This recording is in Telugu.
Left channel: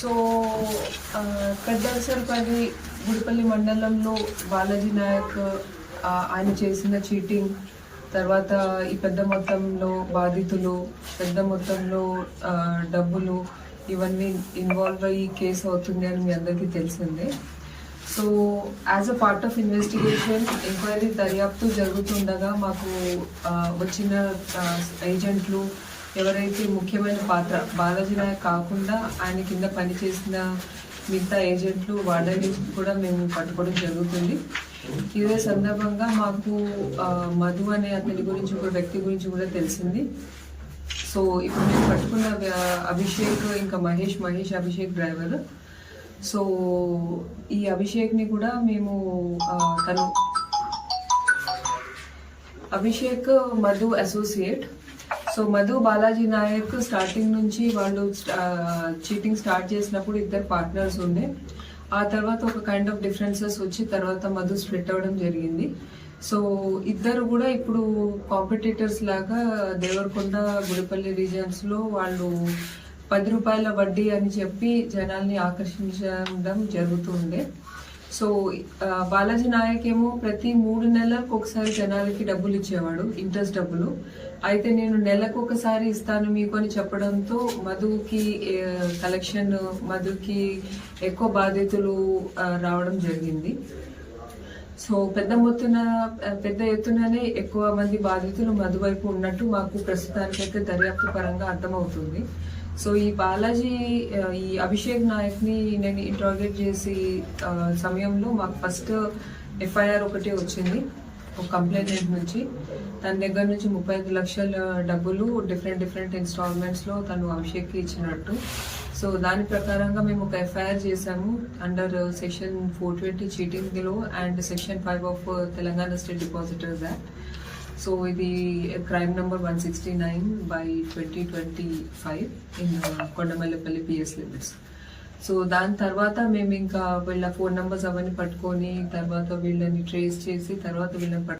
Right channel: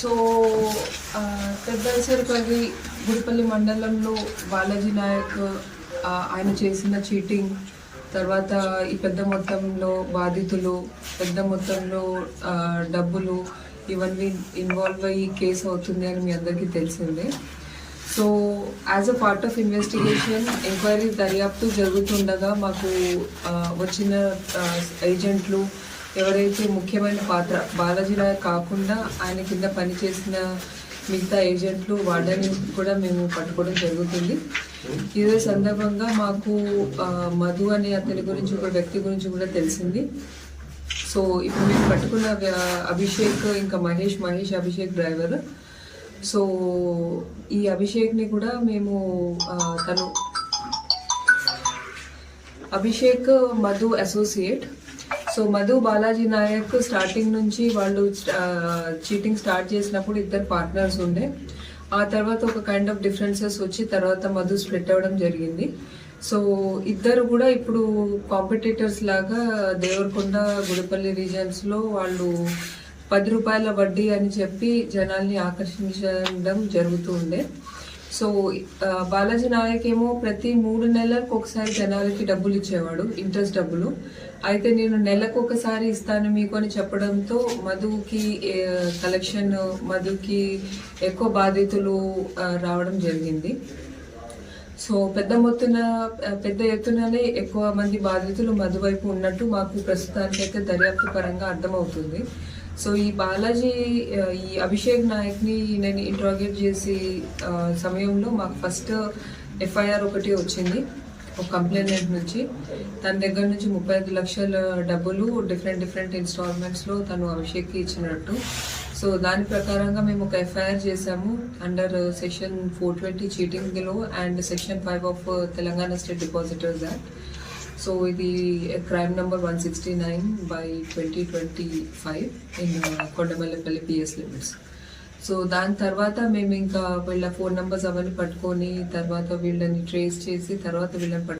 సో కడ్డల్సరిపల్లి గుడిపల్లి మండలంలో బాలాజీ నాయక్ ఆయన చేసిన చీటింగ్ తర్వాత ఈ పెద్ద మొత్తంలో బాధితులు పెద్ద మొత్తంలో డబ్బులు ఇవన్నీ ఇన్వాల్వ్ అయ్యి కేసు అవుతుంది అని మీ అందరికీ తెలిసిందే. So as a part of investigation enquiry దర్యాప్తు జరుగుతుండగా మాకు వచ్చిన ఏజెంట్లు ఎవరైతే ముఖ్యమైన పాత్ర బాలాజీ నాయక్ కాకుండా ఆయన కింద పనిచేసిన మిగతా ఏజెంట్లు వాళ్ళని కూడా మేము పట్టుకోవడం జరుగుతుంది. ఇదే సందర్భంగా మాకు మధు అనే అతని గురించి ఒక వ్యక్తి గురించి కూడా తెలిసింది. సో ఇప్పుడు మేము పట్టుకున్న అభిషేక్ ఇంకా మహేష్ మహేష్ అభిషేక్ డ్రైవర్. సో ఈ అభిషేక్ని కూడా మేము తను Abhishek Madhu associate. So Madhu Balaji Naik starting నుంచి వాళ్ళు చీటింగ్ స్టార్ట్ చేసినప్పుడు ఇద్దరు పార్ట్నర్స్ ఉండే. ఆ తర్వాత ఒక కైండ్ ఆఫ్ డిఫరెన్సెస్ వచ్చి తర్వాత మధు స్ప్లిట్ అవ్వడం జరిగింది. సో ఇద్దరు కూడా ఇప్పుడు కాంపిటేటర్స్ లాగా దేవరకొండ గుడిపల్లి రీజన్స్లో వాళ్ళు పది రూపాయల వడ్డీ అని చెప్పి జనాల్ని ఆకర్షించడం జరుగుతూ ఉండే. సో బాలాజీ నాయక్ ఏమో ప్రతి మూడు నెలలకు ఒకసారి జనాలకి డబ్బులు ఇచ్చేవాడు ఇంట్రెస్ట్ డబ్బులు. అయితే నేను నెలకు ఒకసారి ఇస్తాను మీకు అని చెప్పడంతో మధుకి కలెక్షన్ మధుకి ఎక్కువ బాధితులు రావడం జరిగింది. సో పెద్ద మొత్తున పెద్ద ఎత్తుననే ఎక్కువ మంది బాధితులు మధువైపు ఉన్నట్టు మాకు ప్రస్తుతానికైతే దర్యాప్తు పరంగా అర్థమవుతుంది. సో ఈ బాలాజీ ఈ అభిషేక్ నాయక్ని నేను ఇంట్రాగేట్ చేసే సమయంలో మాకు ఫస్ట్ ఎఫ్ఐఆర్ ఒకటి వచ్చింది ఒక కంప్లైంట్ నుంచి. తన దగ్గర నుంచి ముప్పై ఐదు లక్షల డబ్బులు డిఫరెంట్ డిఫరెంట్ ఇన్స్టాల్మెంట్స్లో తను అభిషేక్కి ఇచ్చినట్టు. సో దాని ప్రకారంగా మేము ఒక ఎఫ్ఐఆర్ చేసాము. Under section four twenty చీటింగ్లో and section five of Telangana state depositors act so ఇది crime number one sixty nine by twenty twenty five in Kondamallapalli PS limits so దాని తర్వాత మేము ఇంకా వీళ్ళ ఫోన్ నెంబర్స్ అవన్నీ పట్టుకొని తర్వాత వీళ్ళని ట్రేస్ చేసి తర్వాత వీళ్ళని పట్టు